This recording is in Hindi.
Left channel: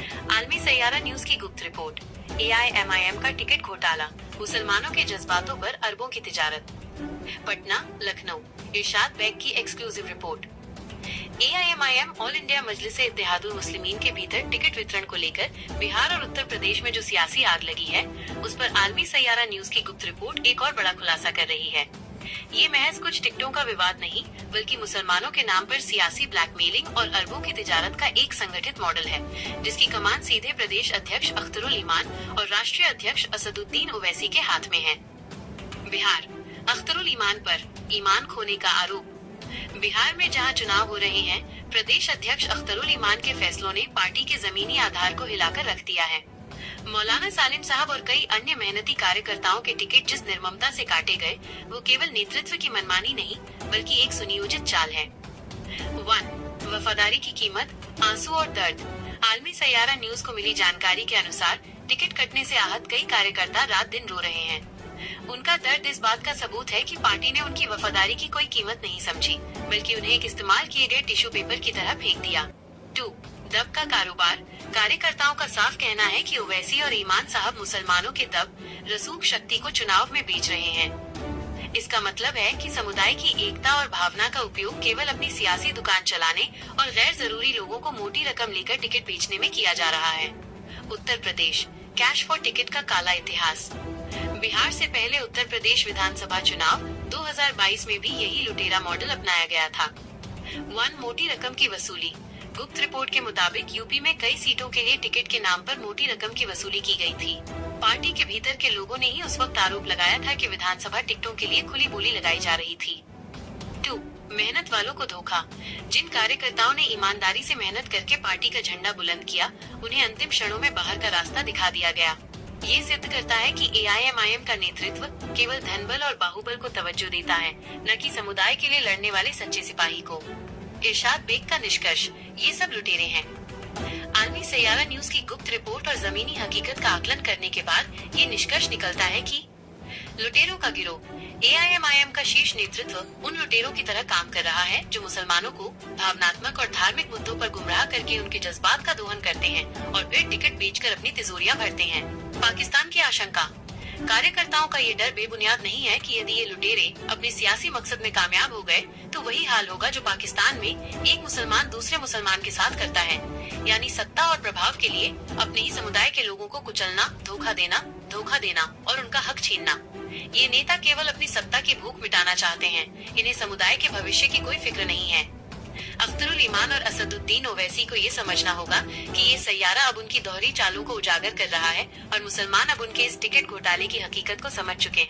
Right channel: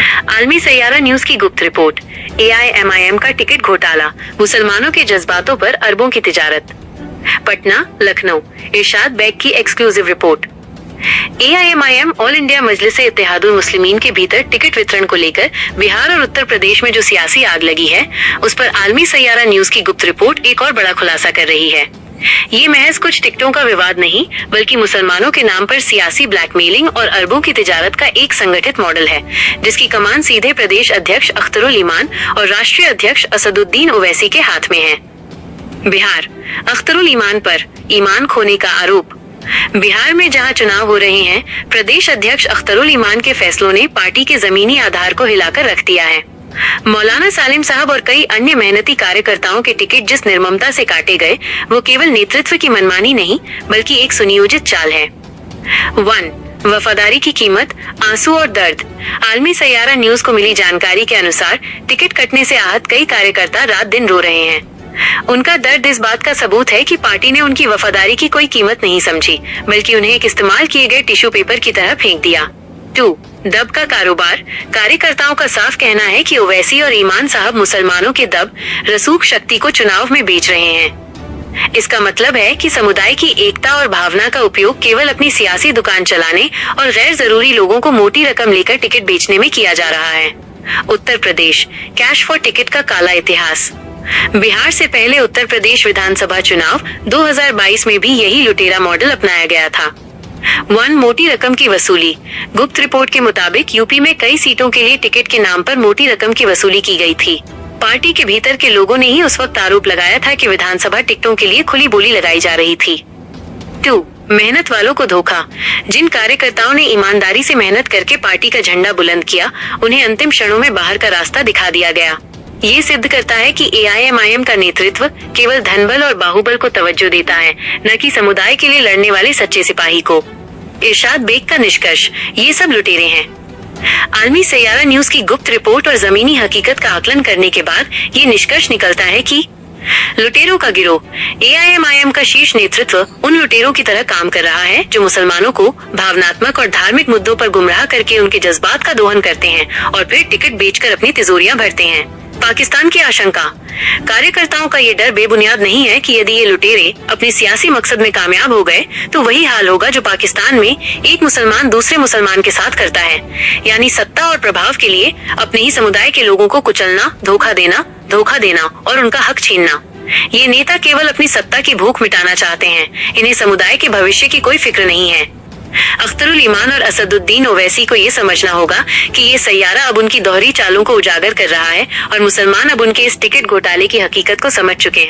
आलमी सैयारा न्यूज की गुप्त रिपोर्ट। AIMIM का टिकट घोटाला, मुसलमानों के जज्बातों पर अरबों की तिजारत। पटना, लखनऊ, इरशाद बेग की exclusive report. AIMIM all India Majlis Ittehadul Muslimeen के भीतर टिकट वितरण को लेकर बिहार और उत्तर प्रदेश में जो सियासी आग लगी है, उस पर आलमी सैयारा न्यूज की गुप्त रिपोर्ट एक और बड़ा खुलासा कर रही है। ये महज कुछ टिकटों का विवाद नहीं, बल्कि मुसलमानों के नाम पर सियासी ब्लैकमेलिंग और अरबों की तिजारत का एक संगठित मॉडल है, जिसकी कमान सीधे प्रदेश अध्यक्ष अख्तरुल ईमान और राष्ट्रीय अध्यक्ष असदुद्दीन ओवैसी के हाथ में है। बिहार, अख्तरुल ईमान पर ईमान खोने का आरोप। बिहार में जहां चुनाव हो रहे हैं, प्रदेश अध्यक्ष अख्तरुल ईमान के फैसलों ने पार्टी के जमीनी आधार को हिलाकर रख दिया है। मौलाना सालिम साहब और कई अन्य मेहनती कार्यकर्ताओं के टिकट जिस निर्ममता से काटे गए, वो केवल नेतृत्व की मनमानी नहीं, बल्कि एक सुनियोजित चाल है। 1. वफादारी की कीमत, आंसू और दर्द। आलमी सैयारा न्यूज को मिली जानकारी के अनुसार टिकट कटने से आहत कई कार्यकर्ता रात दिन रो रहे हैं। उनका दर्द इस बात का सबूत है कि पार्टी ने उनकी वफादारी की कोई कीमत नहीं समझी, बल्कि उन्हें एक इस्तेमाल किए गए टिश्यू पेपर की तरह फेंक दिया। 2. दब का कारोबार। कार्यकर्ताओं का साफ कहना है कि ओवैसी और ईमान साहब मुसलमानों के दब, रसूख शक्ति को चुनाव में बेच रहे हैं। इसका मतलब है कि समुदाय की एकता और भावना का उपयोग केवल अपनी सियासी दुकान चलाने और गैर जरूरी लोगों को मोटी रकम लेकर टिकट बेचने में किया जा रहा है। Uttar Pradesh, cash for ticket का काला इतिहास। बिहार से पहले उत्तर प्रदेश विधानसभा चुनाव 2022 में भी यही लुटेरा मॉडल अपनाया गया था। 1. मोटी रकम की वसूली। गुप्त रिपोर्ट के मुताबिक यूपी में कई सीटों के लिए टिकट के नाम पर मोटी रकम की वसूली की गई थी। पार्टी के भीतर के लोगों ने ही उस वक्त आरोप लगाया था कि विधानसभा टिकटों के लिए खुली बोली लगाई जा रही थी। 2. मेहनत वालों को धोखा। जिन कार्यकर्ताओं ने ईमानदारी से मेहनत करके पार्टी का झंडा बुलंद किया, उन्हें अंतिम क्षणों में बाहर का रास्ता दिखा दिया गया। ये सिद्ध करता है कि AIMIM का नेतृत्व केवल धनबल और बाहुबल को तवज्जो देता है, न कि समुदाय के लिए लड़ने वाले सच्चे सिपाही को। इरशाद बेग का निष्कर्ष, ये सब लुटेरे हैं। आलमी सैयारा न्यूज की गुप्त रिपोर्ट और जमीनी हकीकत का आकलन करने के बाद ये निष्कर्ष निकलता है कि लुटेरों का गिरोह, AIMIM का शीर्ष नेतृत्व उन लुटेरों की तरह काम कर रहा है जो मुसलमानों को भावनात्मक और धार्मिक मुद्दों पर गुमराह करके उनके जज्बात का दोहन करते हैं और फिर टिकट बेचकर अपनी तिजोरियां भरते हैं। पाकिस्तान की आशंका। कार्यकर्ताओं का ये डर बेबुनियाद नहीं है कि यदि ये लुटेरे अपने सियासी मकसद में कामयाब हो गए, तो वही हाल होगा जो पाकिस्तान में एक मुसलमान दूसरे मुसलमान के साथ करता है, यानी सत्ता और प्रभाव के लिए अपने ही समुदाय के लोगों को कुचलना, धोखा देना और उनका हक छीनना। ये नेता केवल अपनी सत्ता की भूख मिटाना चाहते हैं, इन्हें समुदाय के भविष्य की कोई फिक्र नहीं है। अख्तरुल ईमान और असदुद्दीन ओवैसी को ये समझना होगा कि ये सैयारा अब उनकी दोहरी चालों को उजागर कर रहा है और मुसलमान अब उनके इस टिकट घोटाले की हकीकत को समझ चुके हैं।